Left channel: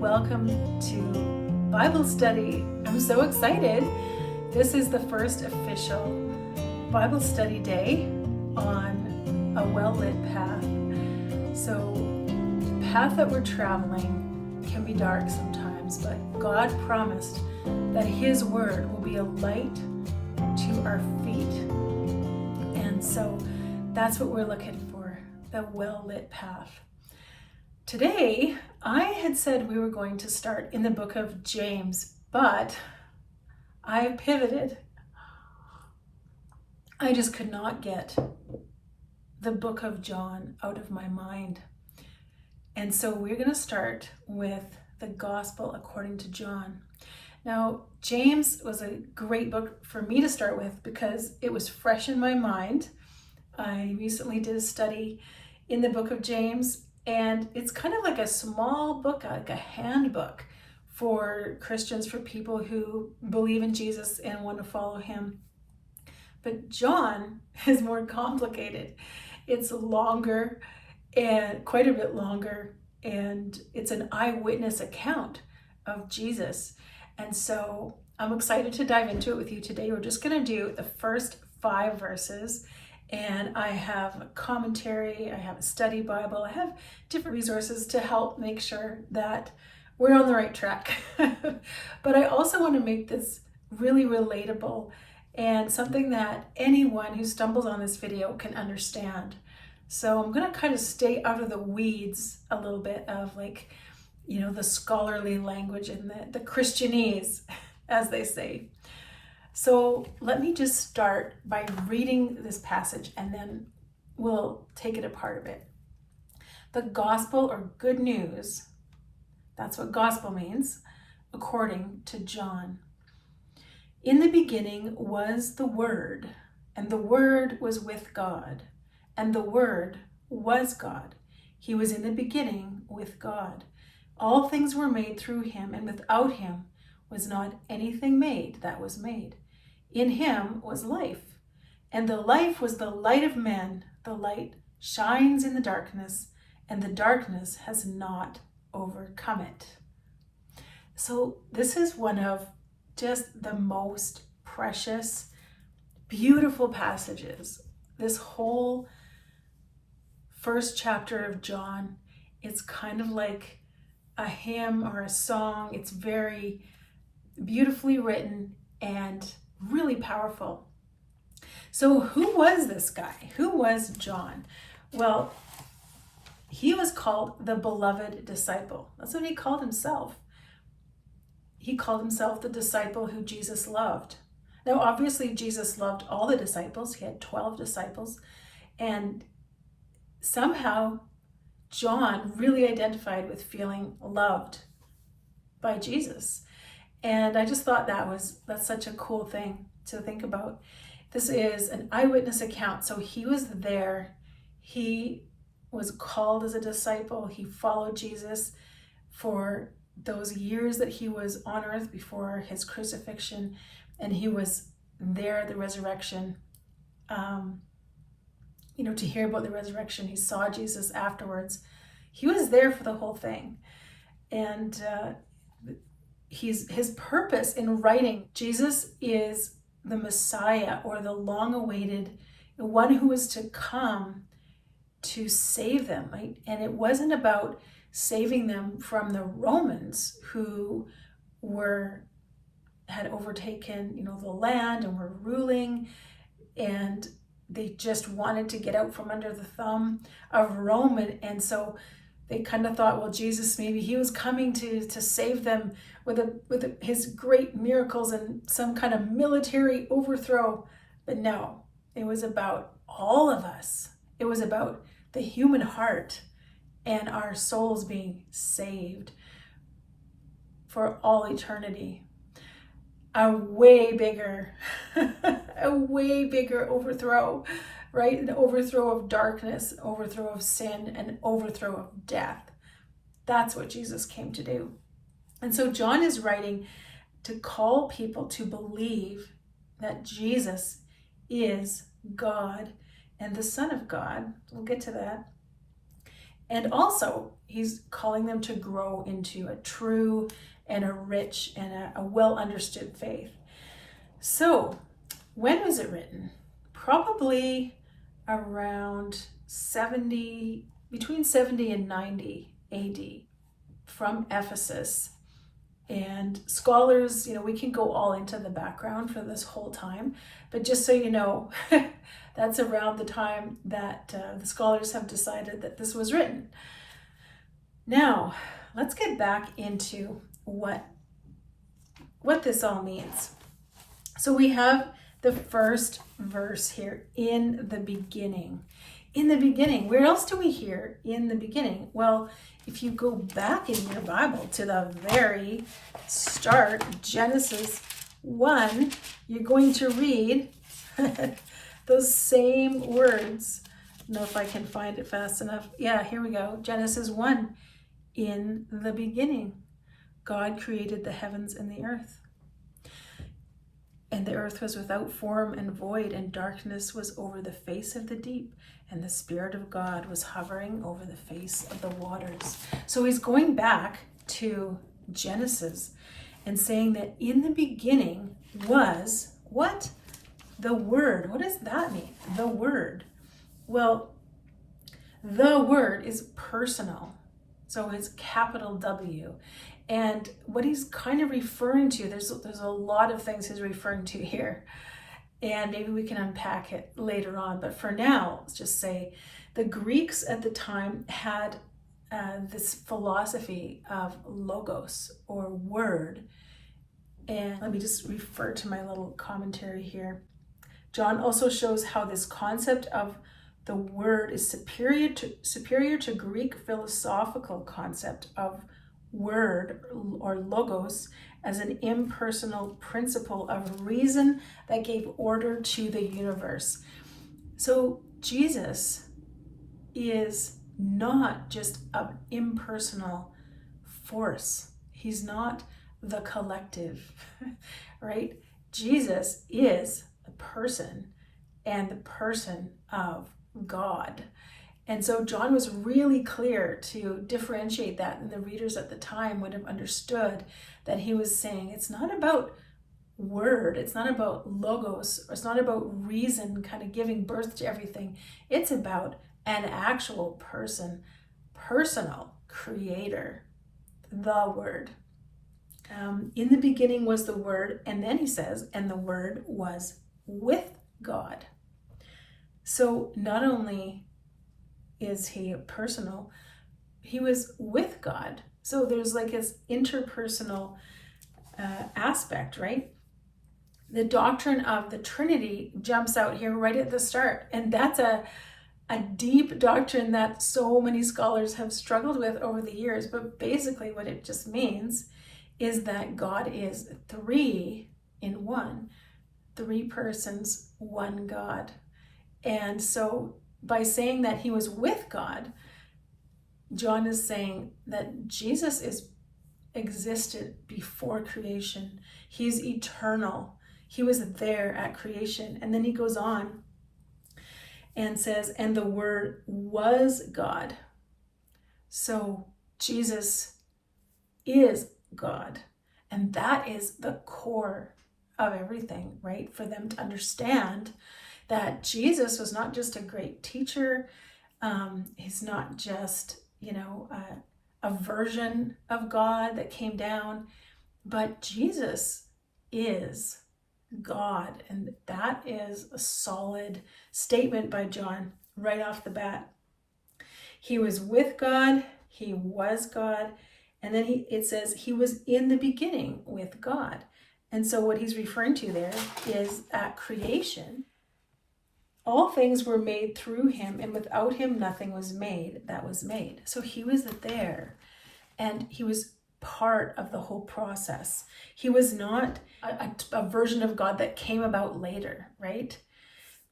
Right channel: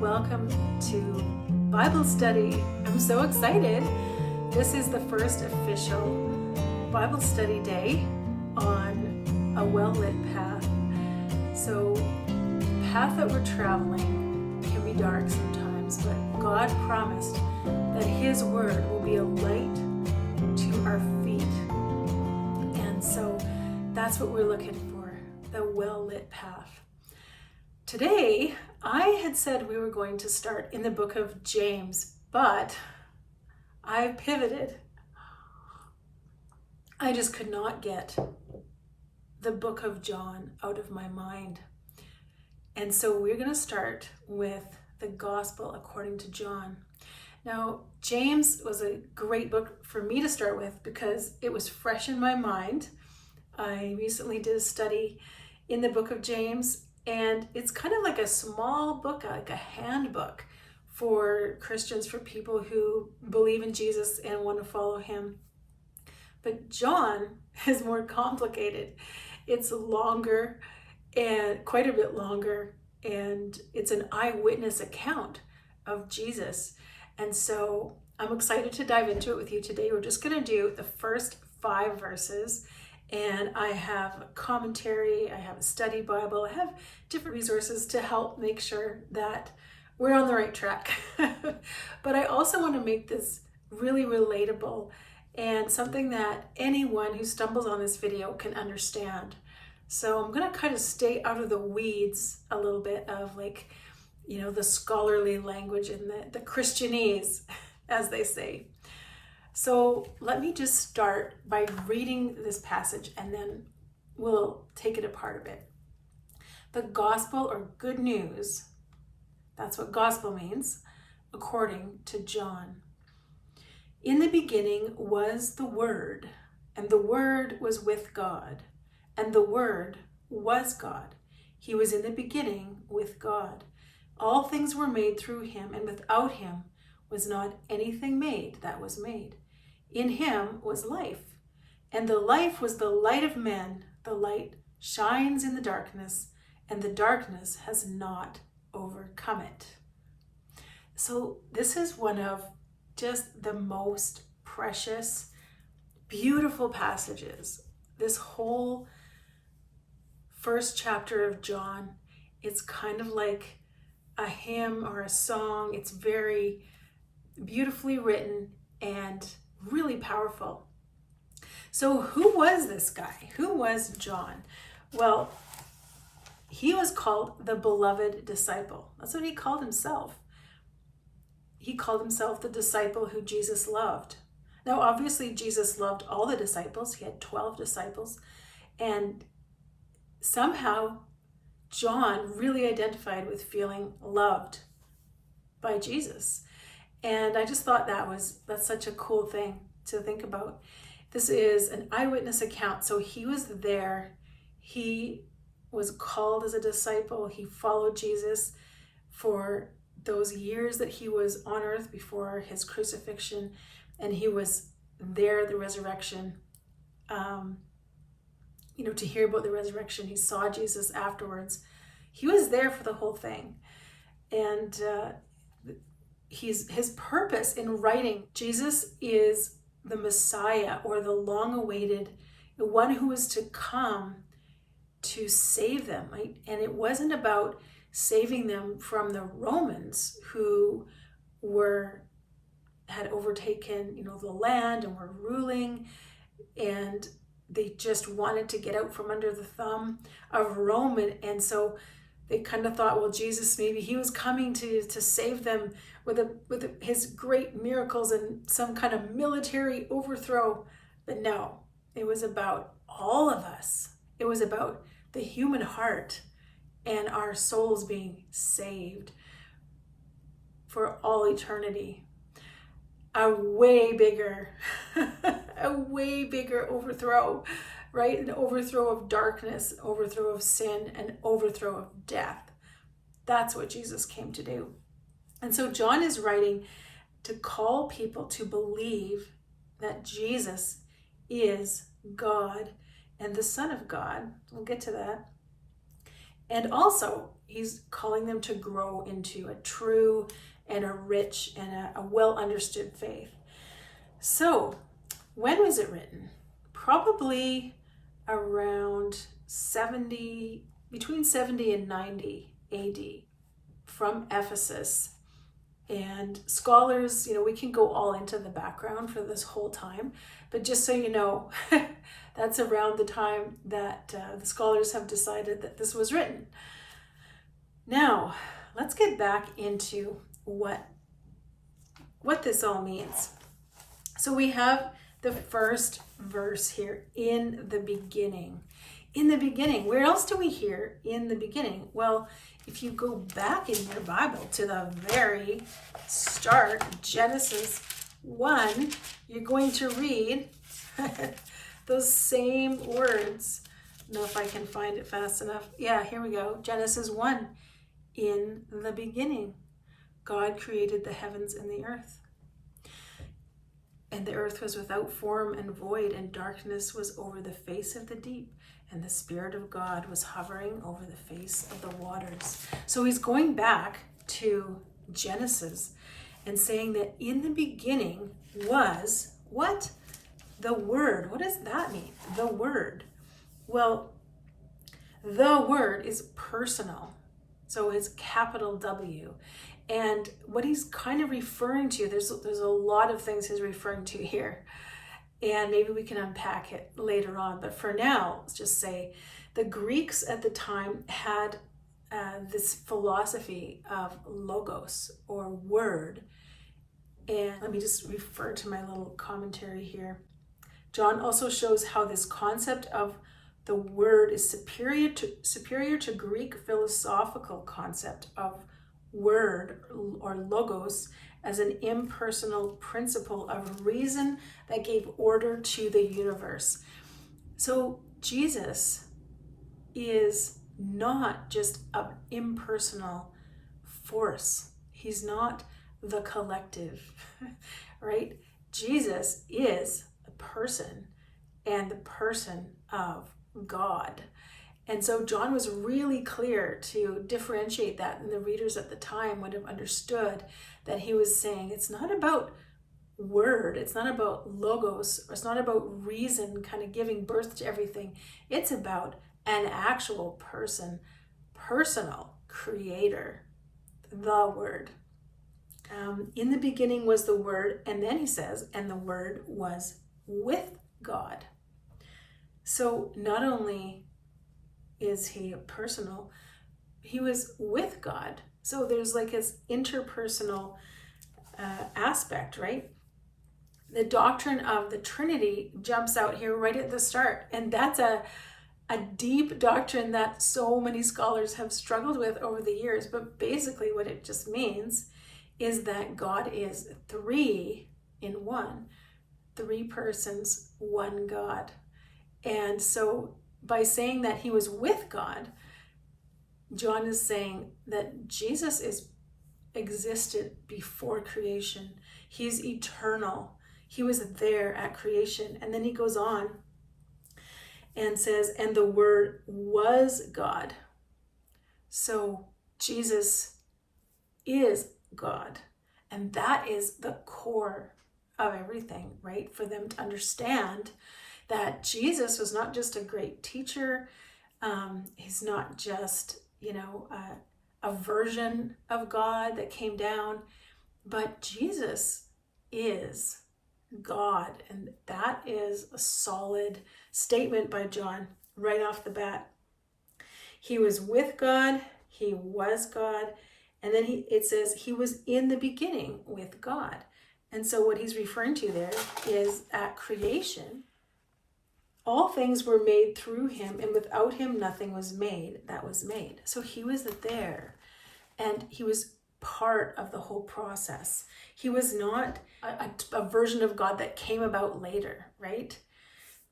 welcome to Bible study. I'm so excited. This is the first official Bible study day on a well-lit path. So the path that we're traveling can be dark sometimes, but God promised that His word will be a light to our feet. And so that's what we're looking for, the well-lit path. Today, I had said we were going to start in the book of James, but I pivoted. I just could not get the book of John out of my mind. And so we're going to start with the Gospel according to John. Now, James was a great book for me to start with because it was fresh in my mind. I recently did a study in the book of James, and it's kind of like a small book, like a handbook for Christians, for people who believe in Jesus and want to follow Him. But John is more complicated. It's longer, and quite a bit longer, and it's an eyewitness account of Jesus. And so I'm excited to dive into it with you today. We're just going to do the first 5 verses. And I have a commentary, I have a study Bible, I have different resources to help make sure that we're on the right track. But I also want to make this really relatable and something that anyone who stumbles on this video can understand. So I'm going to kind of stay out of the weeds a little bit of the scholarly language and the Christianese, as they say. So let me just start by reading this passage and then we'll take it apart a bit. The gospel, or good news, that's what gospel means, according to John. In the beginning was the Word, and the Word was with God, and the Word was God. He was in the beginning with God. All things were made through Him, and without Him was not anything made that was made. In Him was life, and the life was the light of men. The light shines in the darkness, and the darkness has not overcome it. So this is one of just the most precious, beautiful passages. This whole first chapter of John, it's kind of like a hymn or a song. It's very beautifully written and really powerful. So who was this guy? Who was John? Well, he was called the beloved disciple. That's what he called himself. He called himself the disciple who Jesus loved. Now, obviously, Jesus loved all the disciples. He had 12 disciples. And somehow, John really identified with feeling loved by Jesus. And I just thought that's such a cool thing to think about. This is an eyewitness account. So he was there. He was called as a disciple. He followed Jesus for those years that he was on earth before his crucifixion. And he was there at the resurrection, to hear about the resurrection. He saw Jesus afterwards. He was there for the whole thing. And his purpose in writing, Jesus is the Messiah, or the long-awaited, the one who was to come to save them, right? And it wasn't about saving them from the Romans, who had overtaken, the land and were ruling, and they just wanted to get out from under the thumb of Rome. And so they kind of thought, well, Jesus, maybe he was coming to save them with his great miracles and some kind of military overthrow. But no, it was about all of us. It was about the human heart and our souls being saved for all eternity. A way bigger overthrow, right? An overthrow of darkness, overthrow of sin, and overthrow of death. That's what Jesus came to do. And so John is writing to call people to believe that Jesus is God and the Son of God. We'll get to that. And also, he's calling them to grow into a true and a rich and a well-understood faith. So, when was it written? Probably around between 70 and 90 AD from Ephesus. And scholars, we can go all into the background for this whole time, but just so you know, that's around the time that the scholars have decided that this was written. Now, let's get back into what this all means. So we have the first verse here, in the beginning. In the beginning, where else do we hear in the beginning? Well, if you go back in your Bible to the very start, Genesis 1, you're going to read those same words. I don't know if I can find it fast enough. Yeah, here we go. Genesis 1, in the beginning, God created the heavens and the earth. And the earth was without form and void, and darkness was over the face of the deep, and the Spirit of God was hovering over the face of the waters. So he's going back to Genesis and saying that in the beginning was what? The Word. What does that mean? The Word. Well, the Word is personal. So it's capital W. And what he's kind of referring to, there's a lot of things he's referring to here. And maybe we can unpack it later on. But for now, let's just say the Greeks at the time had this philosophy of logos, or word. And let me just refer to my little commentary here. John also shows how this concept of the word is superior to Greek philosophical concept of word, or logos, as an impersonal principle of reason that gave order to the universe. So Jesus is not just an impersonal force. He's not the collective, right? Jesus is a person, and the person of God. And so John was really clear to differentiate that, and the readers at the time would have understood that he was saying it's not about word, it's not about logos, or it's not about reason kind of giving birth to everything. It's about an actual person, personal creator, the Word. In the beginning was the Word, and then he says, and the Word was with God. So not only is he personal, he was with God. So there's like his interpersonal aspect, right? The doctrine of the Trinity jumps out here right at the start. And that's a deep doctrine that so many scholars have struggled with over the years. But basically what it just means is that God is three in one. Three persons, one God. And so by saying that he was with God, John is saying that Jesus existed before creation. He's eternal. He was there at creation. And then he goes on and says, and the Word was God. So Jesus is God. And that is the core of everything, right? For them to understand that Jesus was not just a great teacher. He's not just, a version of God that came down, but Jesus is God. And that is a solid statement by John right off the bat. He was with God, he was God, and then it says he was in the beginning with God. And so what he's referring to there is at creation, all things were made through him, and without him nothing was made that was made. So he was there, and he was part of the whole process. He was not a version of God that came about later, right?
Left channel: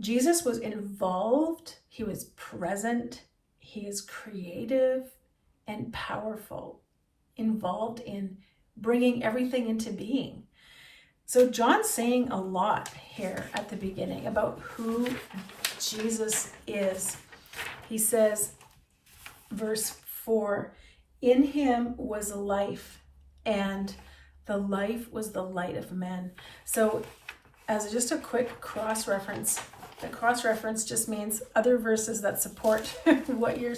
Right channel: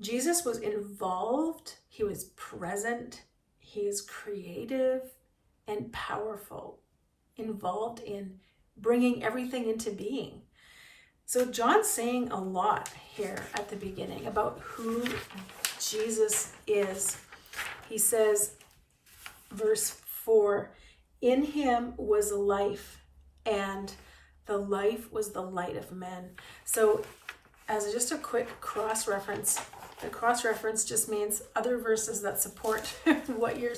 Jesus was involved, he was present, he is creative and powerful, involved in bringing everything into being. So John's saying a lot here at the beginning about who Jesus is. He says, verse 4, in him was life, and the life was the light of men. So as just a quick cross-reference, the cross-reference just means other verses that support what you're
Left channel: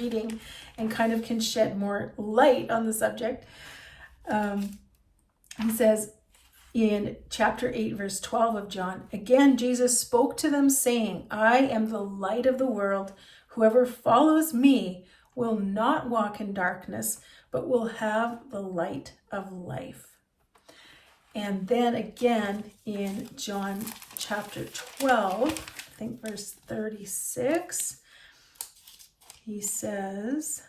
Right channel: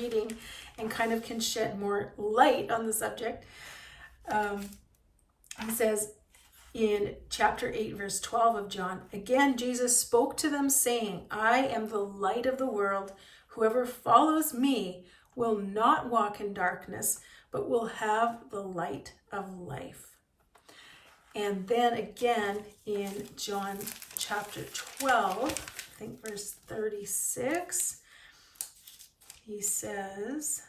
reading and kind of can shed more light on the subject. He says in chapter 8, verse 12 of John, again, Jesus spoke to them saying, I am the light of the world. Whoever follows me will not walk in darkness, but will have the light of life. And then again in John chapter 12, I think verse 36, he says,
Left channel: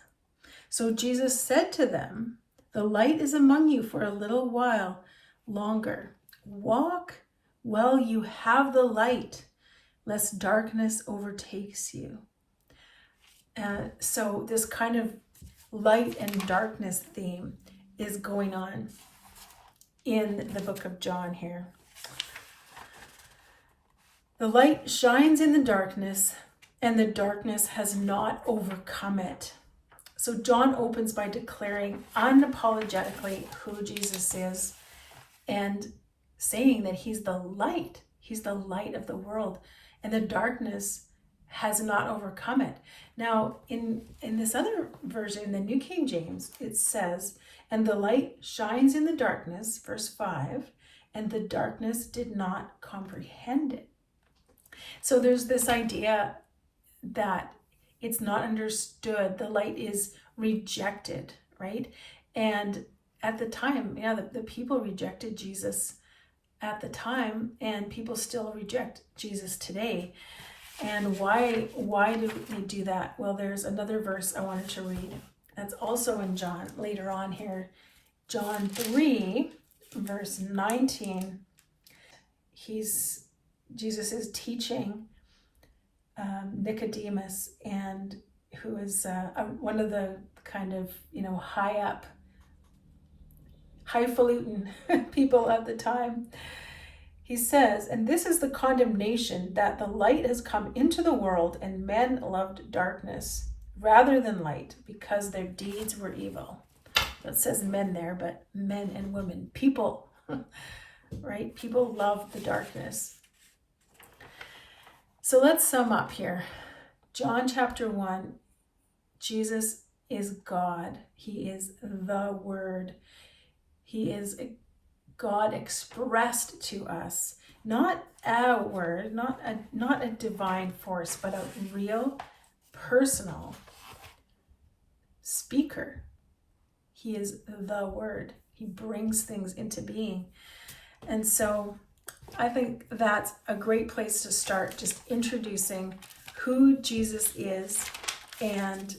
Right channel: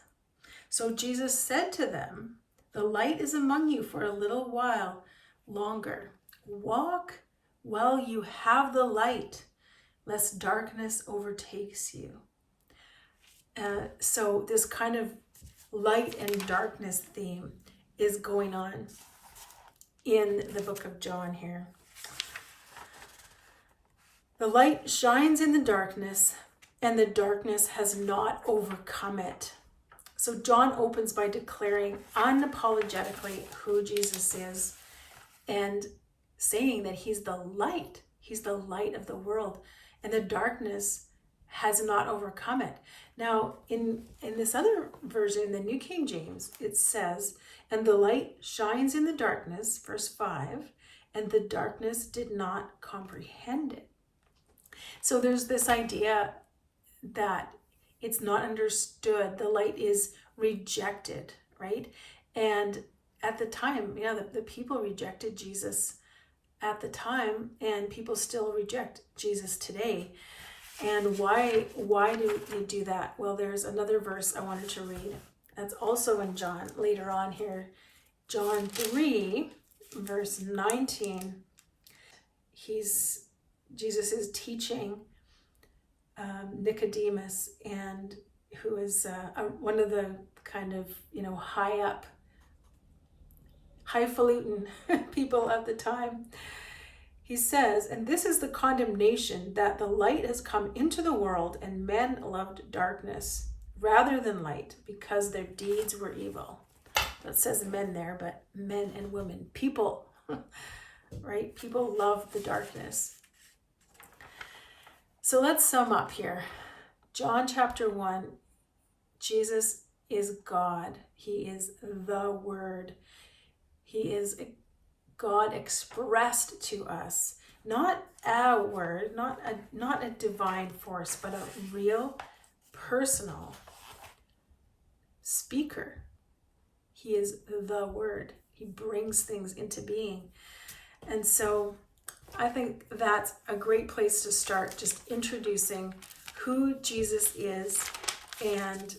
so Jesus said to them, the light is among you for a little while longer. Walk while you have the light, lest darkness overtakes you. So this kind of light and darkness theme is going on in the book of John here. The light shines in the darkness, and the darkness has not overcome it. So John opens by declaring unapologetically who Jesus is and saying that he's the light. He's the light of the world, and the darkness has not overcome it. Now, in this other version, the New King James, it says, and the light shines in the darkness, verse 5, and the darkness did not comprehend it. So there's this idea that it's not understood. The light is rejected, right? And at the time, the people rejected Jesus at the time, and people still reject Jesus today. And why do they do that? Well, there's another verse I wanted to read. That's also in John, later on here. John 3, verse 19. Jesus is teaching Nicodemus, and who is one of the kind of, highfalutin people at the time. He says, and this is the condemnation, that the light has come into the world, and men loved darkness rather than light, because their deeds were evil. It says men there, but men and women, people, right? People love the darkness. So let's sum up here. John chapter 1, Jesus is God. He is the Word. He is God expressed to us, not a word, not a divine force, but a real, personal speaker. He is the Word. He brings things into being. And so I think that's a great place to start, just introducing who Jesus is and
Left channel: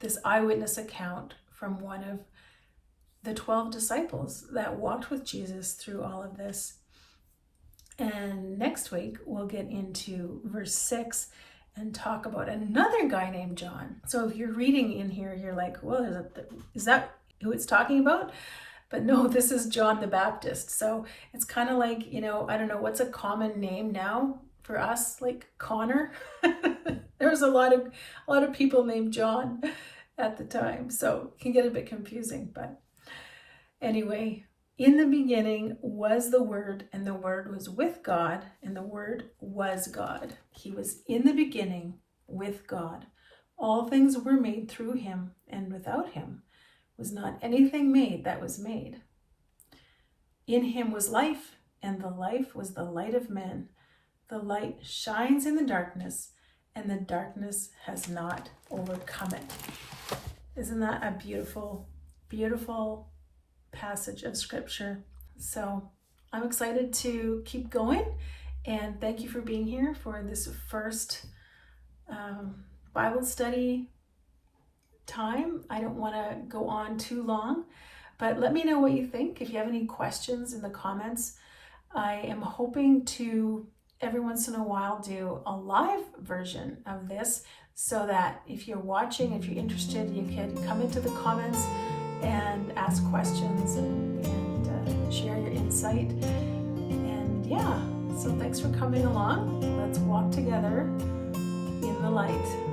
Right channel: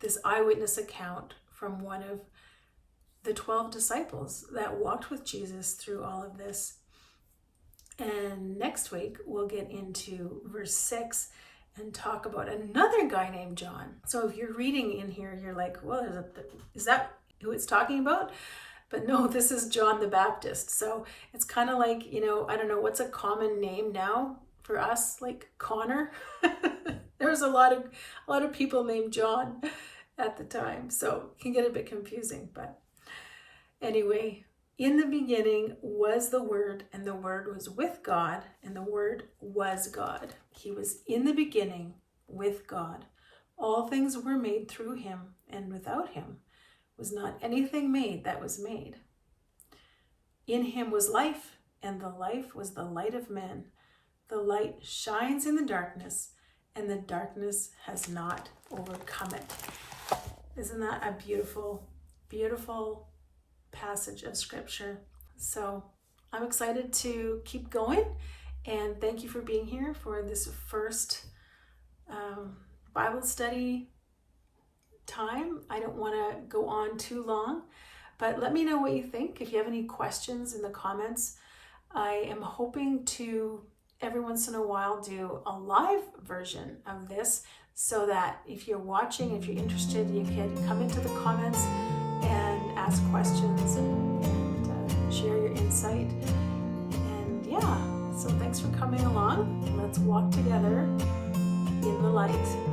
this eyewitness account from one of the 12 disciples that walked with Jesus through all of this. And next week, we'll get into verse 6 and talk about another guy named John. So if you're reading in here, you're like, well, is that who it's talking about? But no, this is John the Baptist. So it's kind of like, I don't know, what's a common name now for us? Like Connor. There's a lot of people named John at the time. So it can get a bit confusing, but anyway, in the beginning was the Word, and the Word was with God, and the Word was God. He was in the beginning with God. All things were made through him, and without him was not anything made that was made. In him was life, and the life was the light of men. The light shines in the darkness, and the darkness has not overcome it. Isn't that a beautiful, beautiful passage of scripture? So I'm excited to keep going, and thank you for being here for this first Bible study time. I don't want to go on too long, but let me know what you think. If you have any questions in the comments, I am hoping to every once in a while do a live version of this, so that if you're watching, if you're interested, you can come into the comments and ask questions and share your insight. And yeah, so thanks for coming along. Let's walk together in the light.